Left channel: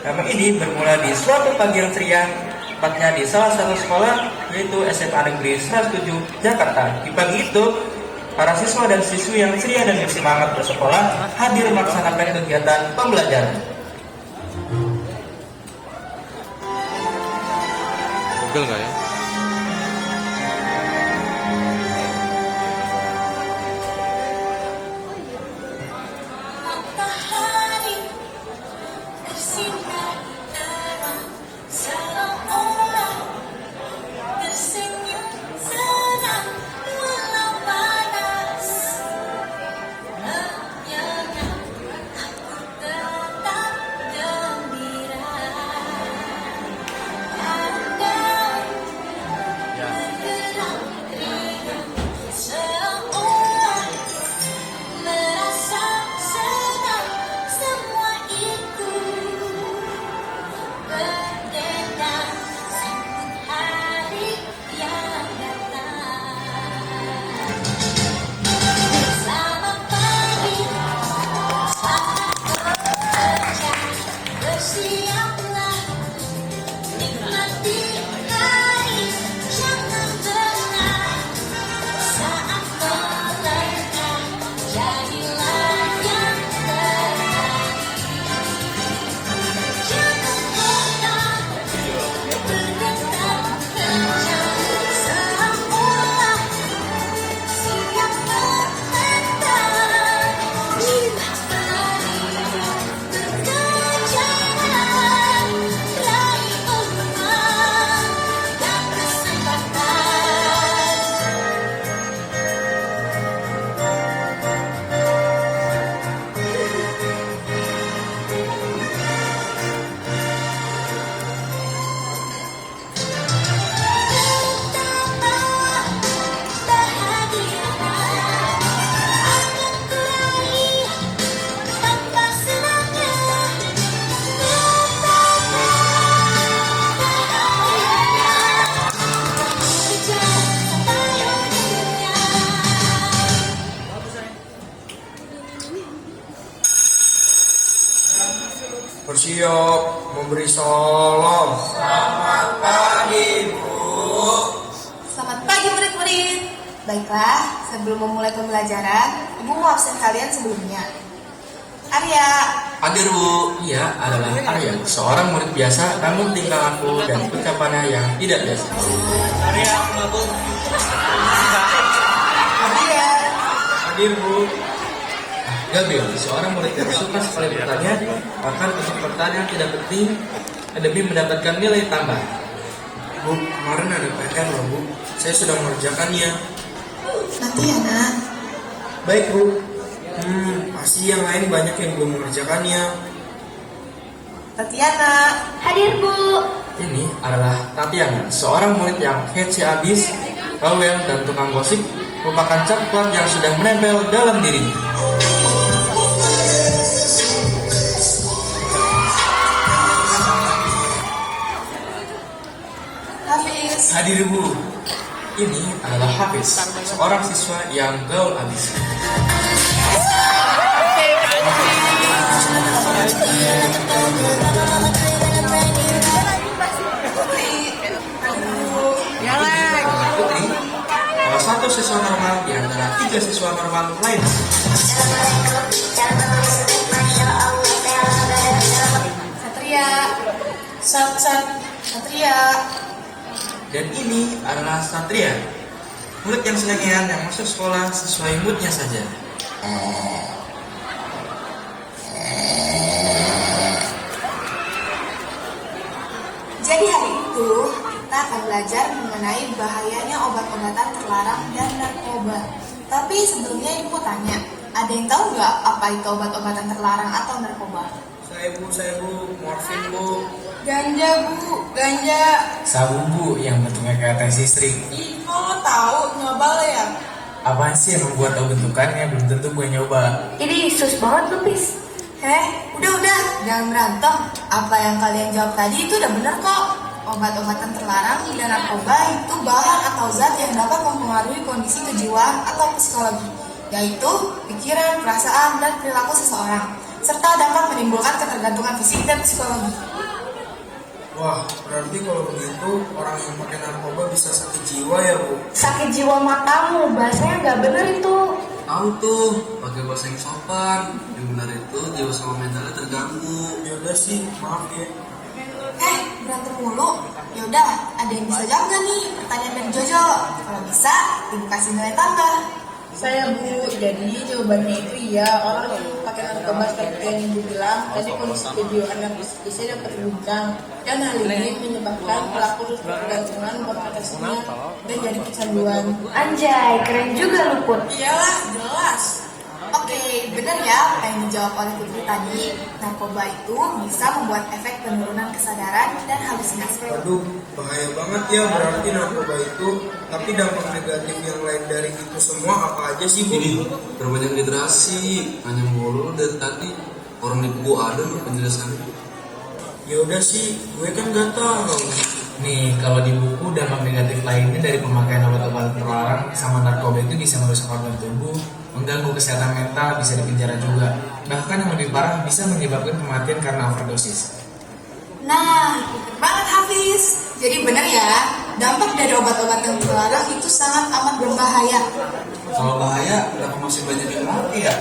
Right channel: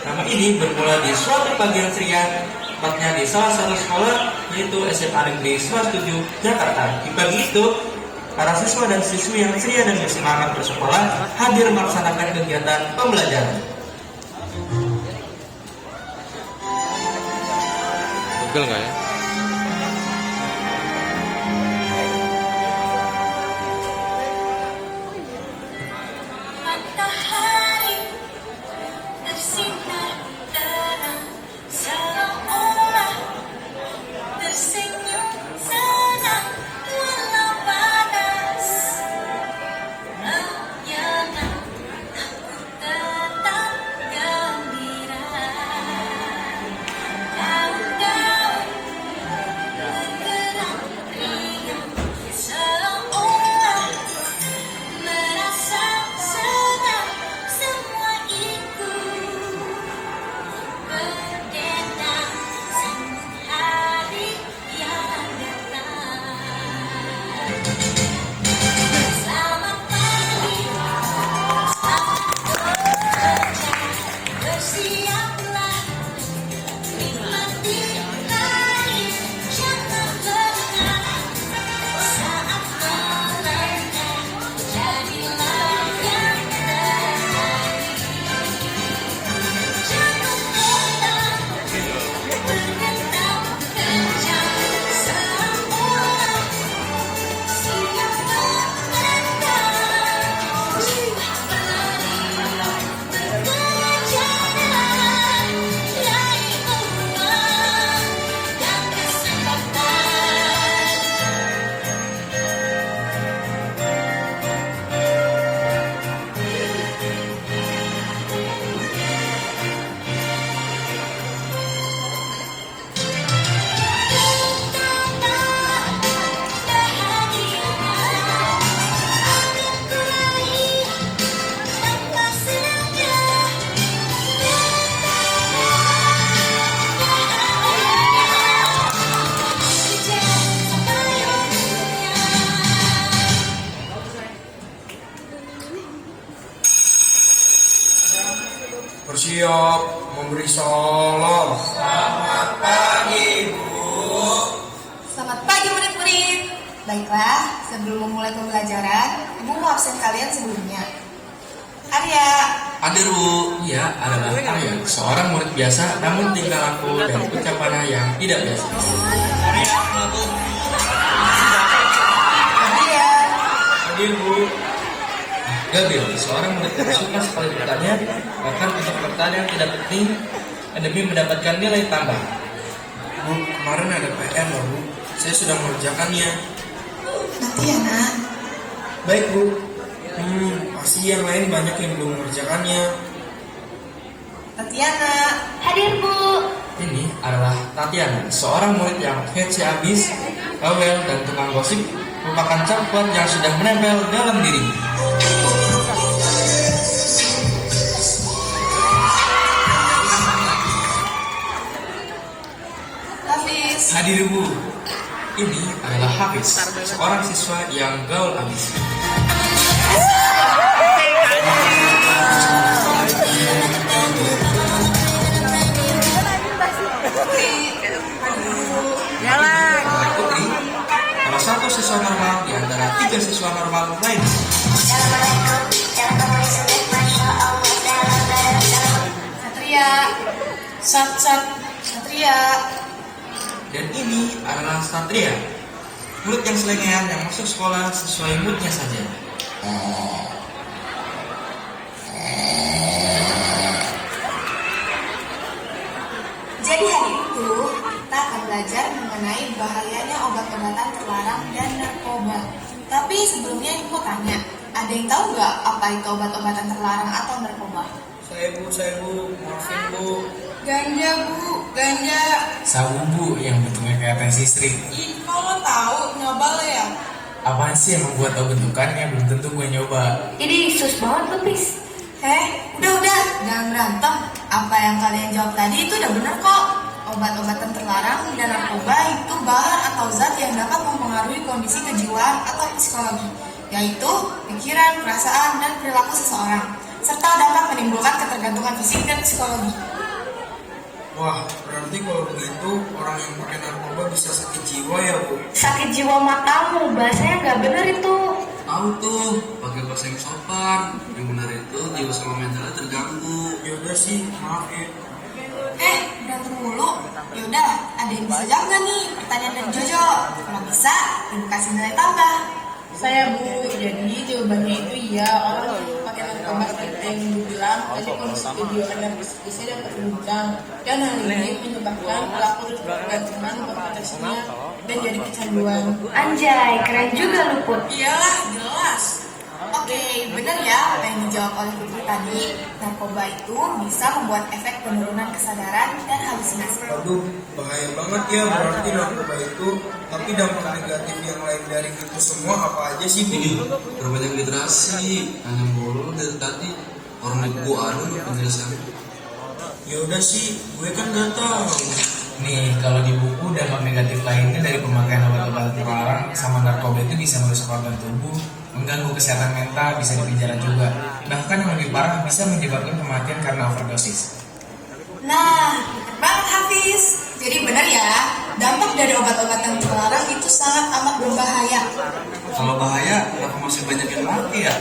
Nama ini bermula di suatu pagi yang ceria, tepatnya di salah satu sekolah, yaitu SMA Negeri 107, Jakarta. Di pagi itu, para siswa dan siswi yang ceria dan bersemangat bersekolah hadir melaksanakan kegiatan pembelajaran. Pegel nggak ya? Matahari bersinar terang, seolah tersenyum senang walau panas. Menyenang aku tetap gembira. Daun-daun bergerak ringan, seolah merasa senang. Semua ikut berdendang sambut hari yang datang. Selamat pagi, selamat bekerja, bersiaplah nikmati hari, jangan lengah. Saat melangkah, jadilah yang terbaik. Jangan pernah bergerak kencang, seolah siap melangkah. Jiwa berlari, berkejaran, raih peluang dan kesempatan. Bersiap memberi salam. Selamat pagi murid-murid. Baiklah, sebelum memulai pembelajaran, Ibu mau absen kalian sebelumnya. Arya, Hadir Bu, iya adalah Arya, seorang murid biasa namun tingkah laku dan ucapannya yang tidak biasa. Arya, Hadir Bu. Gabriel, seorang murid yang suka sekali bertanya, bahkan untuk pertanyaan tidak penting demi mendapatkan nilai tambah. Bu, kemarin ada PR loh Bu. Saya sudah mengerjakannya. nanti ya nak. Baik Bu. Pasti yang lain banyak yang belum mengerjakannya. Tatiana, Hadir Bu. Ini adalah Tatiana, seorang murid yang kece abis, bawel dan tukang gosip, merupakan cat kuat yang sudah menempel dalam dirinya. Hafiz, Hadir Bu, ini adalah Hafiz, seorang siswa yang gaul abis. Putri, salah satu siswa normal di antara 3 siswa normal lainnya. Satria, Satria, Dan ini adalah Satria, murid yang selengean yang masuk sekolah sesuai moodnya saja. Jadi hari itu kita akan belajar mengenai bahayanya obat-obatan terlarang dan narkoba. Tapi sebelumnya Ibu mau tanya, ada yang tahu nggak apa itu obat-obatan terlarang atau narkoba? Saya Bu, morfin Bu. Ganja Bu, ganja. Sabu Bu yang bentuknya kayak tensi string. Ih, kamu tahu ngabal ya? Apaan sih yang membuat tahu bentukannya? Belum tentu gue nyoba. Ini sus banget lu, Pis. Udah, jangan berantem. Apa yang kalian jawab tadi itu udah bener kok. Obat-obatan terlarang dan narkoba itu bahan atau zat yang dapat mempengaruhi kondisi kejiwaan atau psikologi, yaitu pikiran, perasaan, dan perilaku seseorang. serta dapat menimbulkan ketergantungan fisik dan psikologi. Wah, berarti kalau begitu orang yang pakai narkoba bisa sakit jiwa ya, Bu? Sakit jiwa matamu, bahasanya nggak bener itu. Tahu tuh, pakai bahasa yang sopan. Yang benar itu jiwa sama mentalnya terganggu. Yaudah sih, maaf ya. Berantem mulu. Yaudah, ada yang bisa jawab nggak nih pertanyaan dari Jojo? Kalau bisa, ibu kasih nilai tambah. Saya Bu, jadi jawabannya itu iya, orang yang pakai narkoba seperti yang Ibu bilang, tadi kondisi kejiwaan bisa dapat berubah. Dan hal ini menyebabkan pelaku terus berkegantungan berpotensinya dan jadi kecanduan. Anjay, keren juga lu Put. Iyalah, jelas. Oke, benar ya apa yang dijawab oleh Putri tadi. Narkoba itu bisa membuat efek penurunan kesadaran dan halusinasi. Waduh, bahaya banget ya berarti narkoba itu. Tapi dampak negatif yang lain dari itu semua apa aja sih, Bu? Ini perbanyak literasi. Hanya mulu dari tadi. Orang di buku ada loh penjelasannya. Ya udah sih, gue kan gak tahu. Nih, kalau di buku dampak negatif lainnya dari pemakaian obat-obat terlarang sama narkoba itu bisa merusak organ tubuh, mengganggu kesehatan mental, bisa dipenjara juga. Bahkan yang lebih parah bisa menyebabkan kematian karena overdosis. Nah, bener banget Hafiz. Jadi benar ya, dampak dari obat-obatan terlarang itu sangat amat berbahaya. Kalau bahaya, kenapa masih banyak yang mati ya?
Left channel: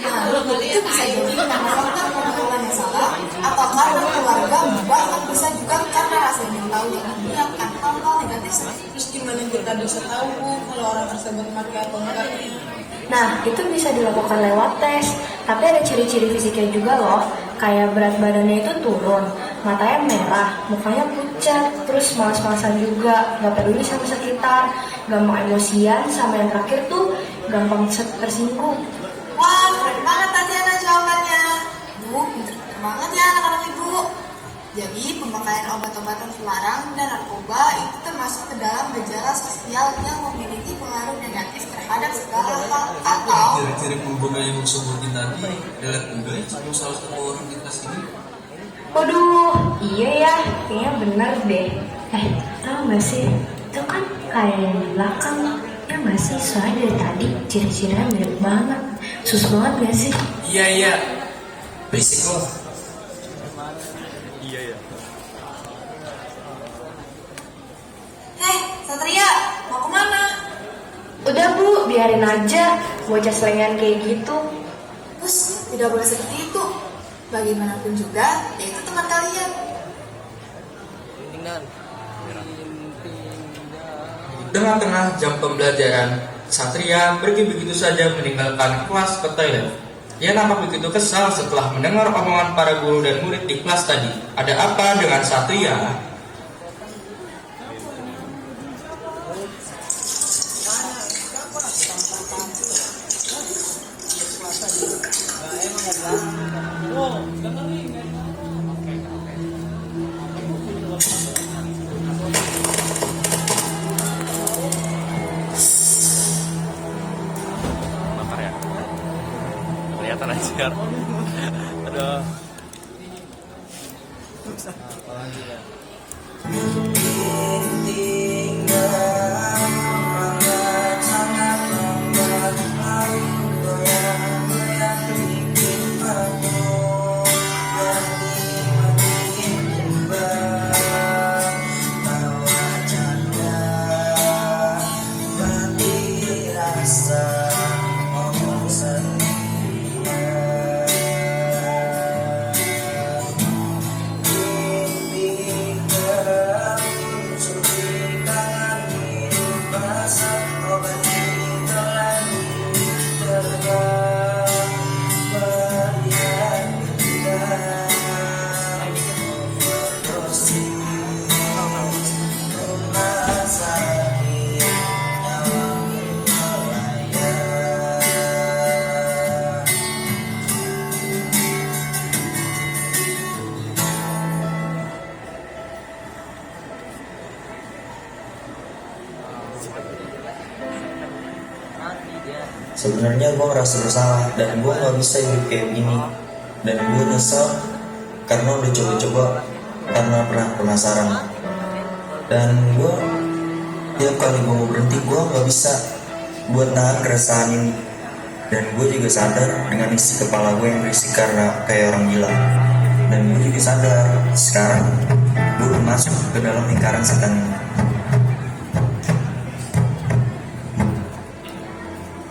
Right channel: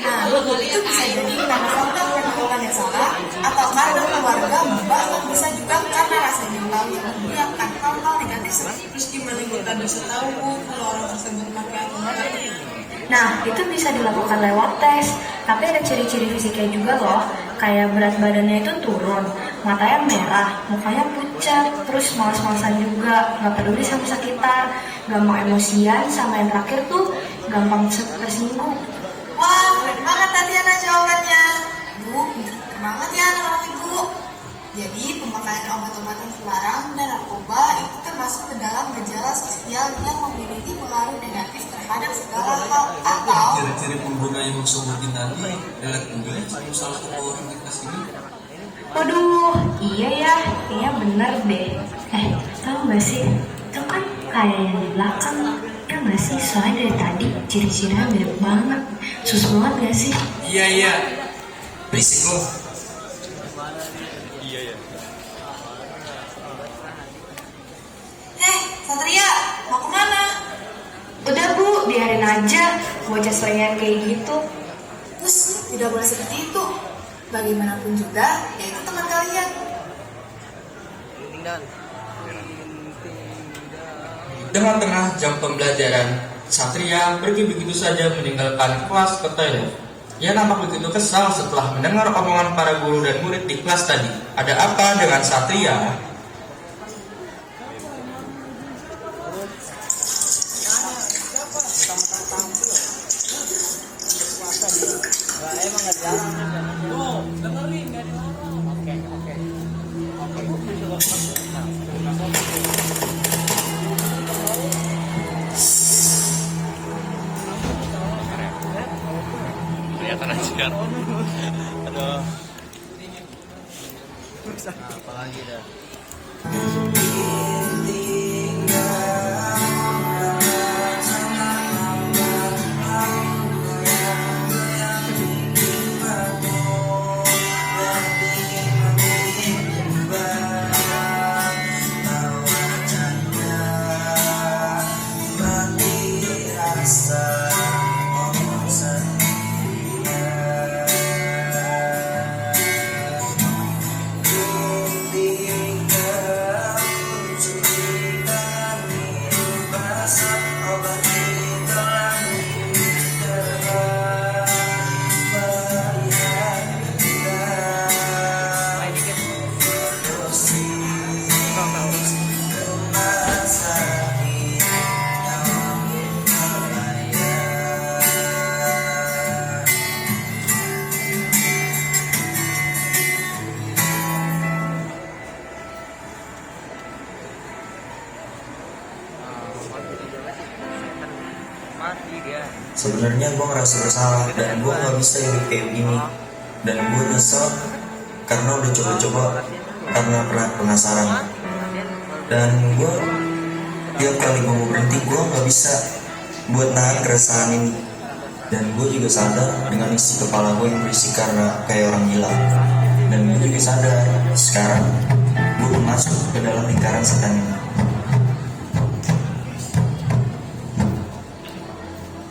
Nah, itu bisa jadi karena faktor pengelolaan yang salah, atau karena keluarga, bahkan bisa juga karena rasa ingin tahu yang membiarkan hal-hal negatif seperti itu. Terus gimana kita bisa tahu Bu, kalau orang tersebut pakai atau enggak? Nah, itu bisa dilakukan lewat tes. Tapi ada ciri-ciri fisiknya juga loh. Kayak berat badannya itu turun, matanya merah, mukanya pucat, terus malas-malasan juga, nggak peduli sama sekitar, gampang emosian, sama yang terakhir tuh gampang tersinggung. Wah, keren banget Tatiana jawabannya. Bu, pinter banget ya anak-anak ibu. Jadi, pemakaian obat-obatan terlarang dan narkoba itu termasuk ke dalam gejala sosial yang memiliki pengaruh negatif terhadap segala hal atau Ciri-ciri pengguna yang sebutin tadi, lihat juga ya sama salah satu orang di kelas ini. Waduh, iya ya, kayaknya bener deh. Tau gak sih, itu kan kayak yang di belakang. Ya gak sih, soalnya dari tadi ciri-cirinya mirip banget. Sus banget gak sih? Iya, berisik loh. Satria, mau kemana? Udah Bu, biarin aja. Bocah selingan kayak gitu. Terus, tidak boleh seperti itu. Bagaimanapun juga, yaitu teman kalian. Dengan tengah jam pembelajaran, Satria pergi begitu saja meninggalkan kelas ke toilet. Ia nampak begitu kesal setelah mendengar omongan para guru dan murid di kelas tadi. Ada apa dengan Satria? Kelihatan aja kan. Aduh. Sebenarnya gue ngerasa bersalah dan gue nggak bisa hidup kayak gini. Dan gue nyesel karena udah coba-coba karena pernah penasaran. Dan gue tiap kali gue mau berhenti gue nggak bisa buat nahan keresahan ini. Dan gue juga sadar dengan isi kepala gue yang berisik karena kayak orang gila. Dan gue juga sadar sekarang gue udah masuk ke dalam lingkaran setan ini.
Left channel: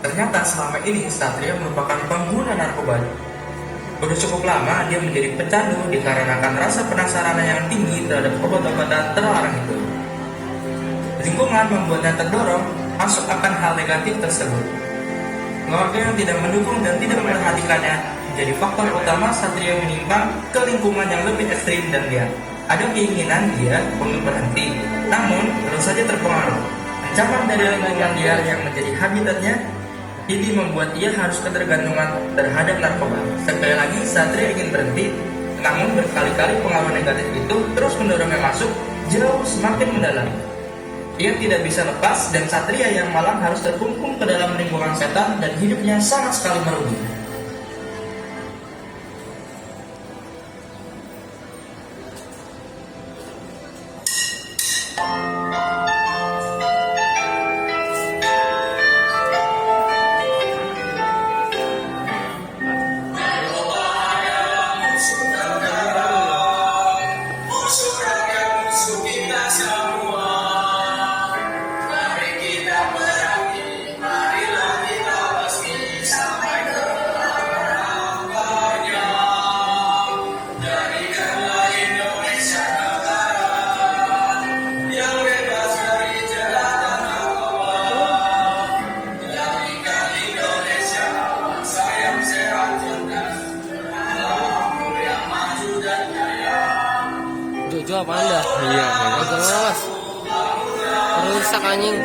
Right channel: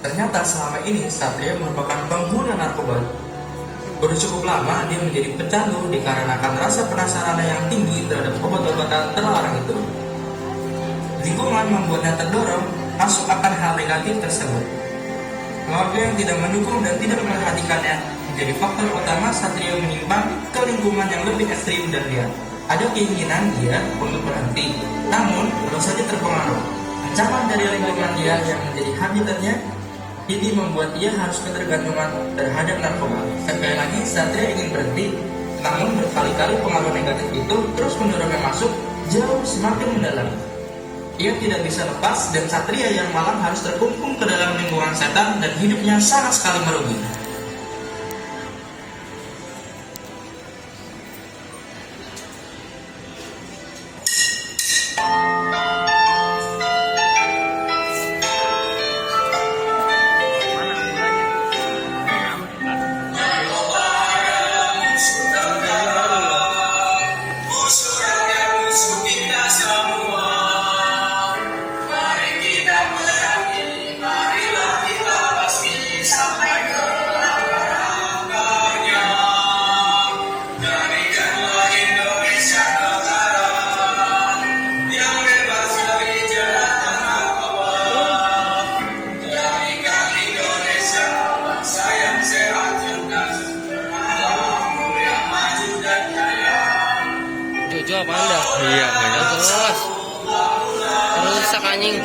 Ternyata selama ini Satria merupakan pengguna narkoba. Udah cukup lama dia menjadi pecandu dikarenakan rasa penasaran yang tinggi terhadap obat-obatan terlarang itu. Lingkungan membuatnya terdorong masuk akan hal negatif tersebut. Keluarga yang tidak mendukung dan tidak memperhatikannya menjadi faktor utama Satria menyimpang ke lingkungan yang lebih ekstrim dan dia ada keinginan dia untuk berhenti, namun belum saja terpengaruh. Ancaman dari lingkungan dia yang menjadi habitatnya ini membuat dia harus ketergantungan terhadap narkoba. Sekali lagi Satria ingin berhenti, namun berkali-kali pengaruh negatif itu terus mendorongnya masuk jauh semakin mendalam. Ia tidak bisa lepas dan Satria yang malam harus terkungkung ke dalam lingkungan setan dan hidupnya sama sekali merugi. Jojo apa anda? Iya, banyak. Jelas. Rusak anjing.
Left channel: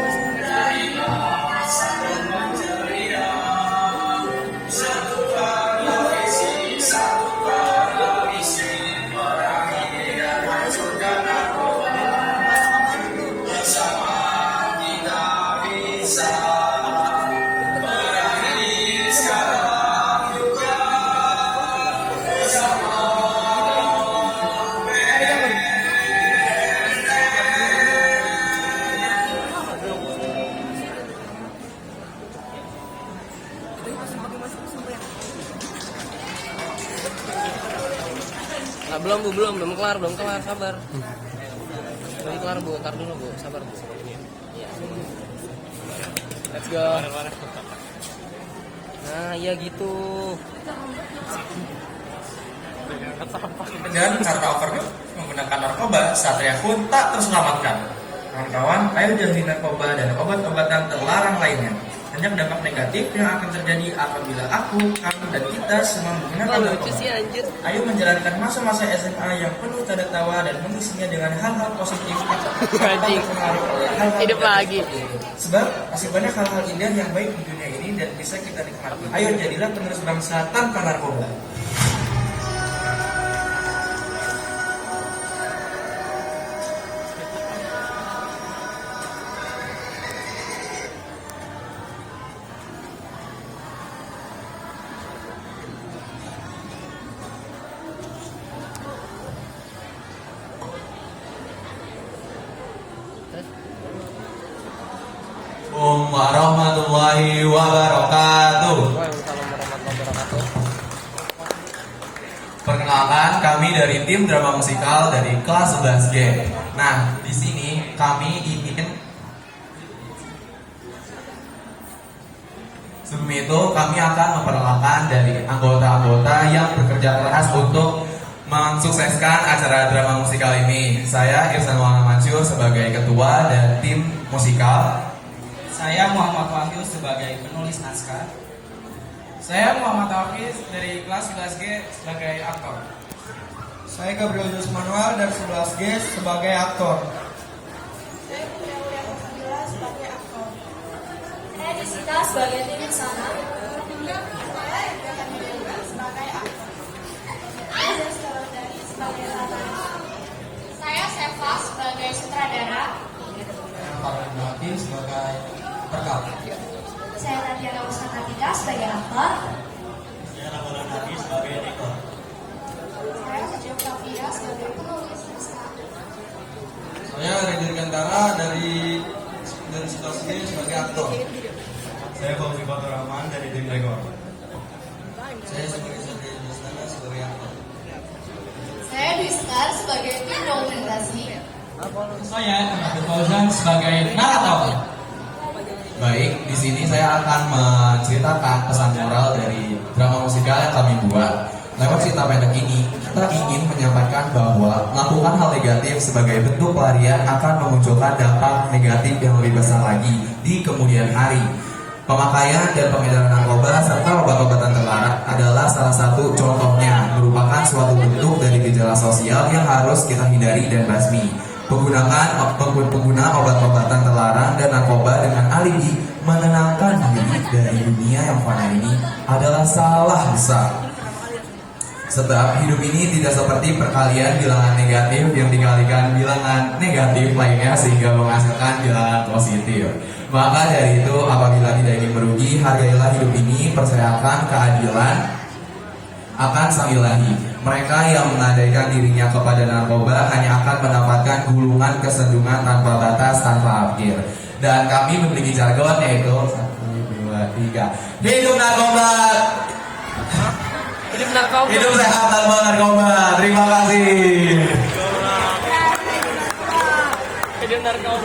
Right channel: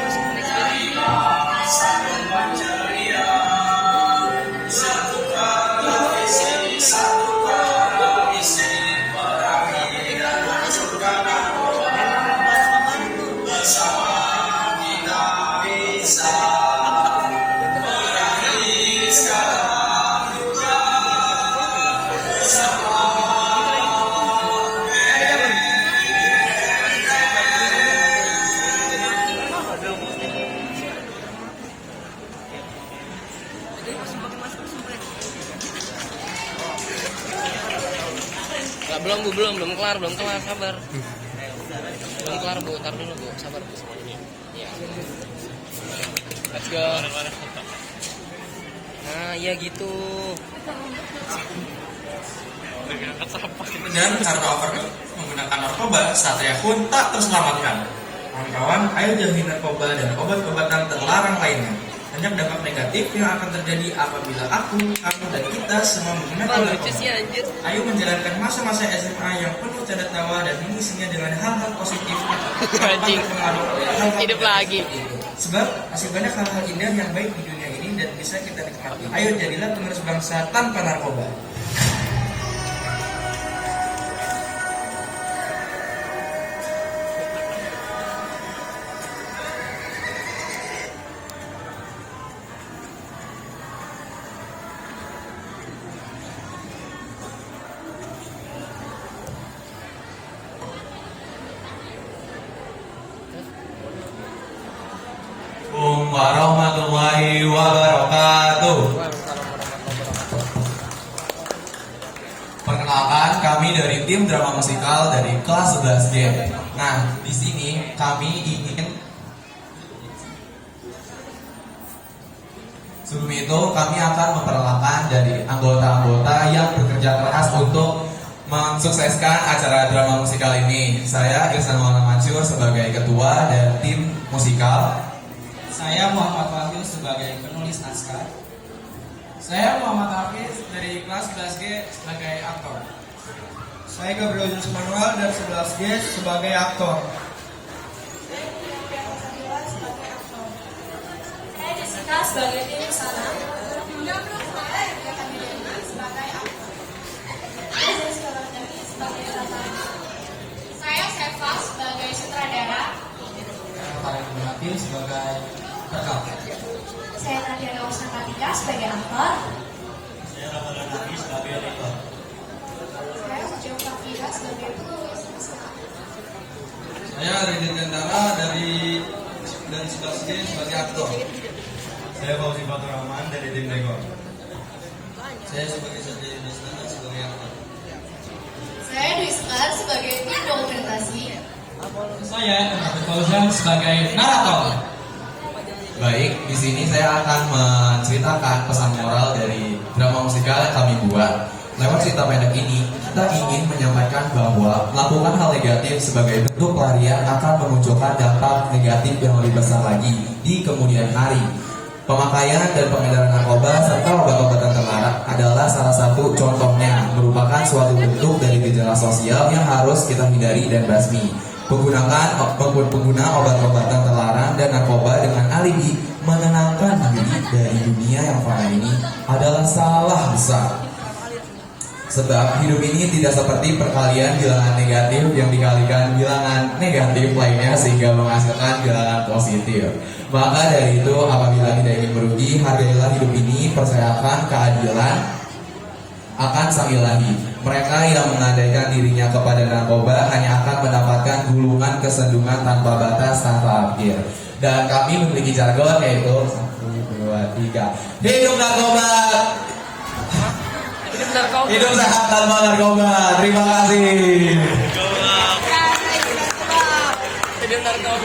Nggak, belum kelar, sabar. Belum kelar bu, tar dulu bu, sabar bu. Ya. Let's go. Nah, ya gitu. Dan karena overdose menggunakan narkoba, Satria pun tak terselamatkan. Kawan-kawan, ayo jauhi narkoba dan obat-obatan terlarang lainnya. Banyak dampak negatif yang akan terjadi apabila aku, kamu, dan kita semua menggunakan narkoba. Ayo menjalankan masa-masa SMA yang penuh canda tawa dan mengisinya dengan hal-hal positif tanpa terpengaruh oleh hal-hal Hidup negatif lagi. seperti itu. Sebab masih banyak hal-hal indah yang baik di dunia ini dan bisa kita nikmati. Ayo jadilah penerus bangsa tanpa narkoba. Assalamualaikum warahmatullahi wabarakatuh. Perkenalkan, kami dari tim drama musikal dari kelas 11G. Nah, di sini kami ingin sebelum itu kami akan memperkenalkan dari anggota-anggota yang bekerja keras untuk mensukseskan acara drama musikal ini. Saya Irsan Maulana Mansur sebagai ketua dan tim musikal. Saya Muhammad Wahyu sebagai penulis naskah. Saya Muhammad Hafiz dari kelas 11G sebagai aktor. Saya Gabriel Yunus Manuel dari 11G sebagai aktor. Saya Pia Udara Sandra sebagai aktor. Saya Jessica sebagai tim sana. Saya Eka Kamileni sebagai aktor. Saya Jessica Lardani sebagai sutradara. Saya Seva sebagai sutradara. Saya Pak Ibu sebagai perekam. Saya Tatiana Wasanatika sebagai aktor. Saya Ramadan Nabi sebagai editor. Saya Sejauh Kafia sebagai penulis naskah. Saya Reni Gantara dari 11G sebagai aktor. Saya Fauzi Fatur Rahman dari tim Tegor. Saya sebagai Satria Desnana sebagai aktor. Saya Dwi Sekar sebagai tim dokumentasi. Saya Ahmad Fauzan sebagai narator. Baik, di sini saya akan menceritakan pesan moral dari drama musikal yang kami buat. Lewat cerita pendek ini, kita ingin menyampaikan bahwa melakukan hal negatif sebagai bentuk pelarian akan memunculkan dampak negatif yang lebih besar lagi di kemudian hari. Pemakaian dan peredaran narkoba serta obat-obatan terlarang adalah salah satu contohnya, merupakan suatu bentuk dari gejala sosial yang harus kita hindari dan basmi. Pengguna obat-obatan terlarang dan narkoba dengan alibi menenangkan diri dari dunia yang fana ini adalah salah besar. Sebab hidup ini tidak seperti perkalian bilangan negatif yang dikalikan bilangan negatif lainnya sehingga menghasilkan bilangan positif. Maka dari itu, apabila tidak ingin merugi, hargailah hidup ini, percayakan keadilan akan Sang Ilahi. Mereka yang mengandaikan dirinya kepada narkoba hanya akan mendapatkan gulungan kesendungan tanpa batas, tanpa akhir. Dan kami memiliki jargon yaitu 1, 2, 3. Hidup narkoba! Hidup sehat tanpa narkoba. Terima kasih.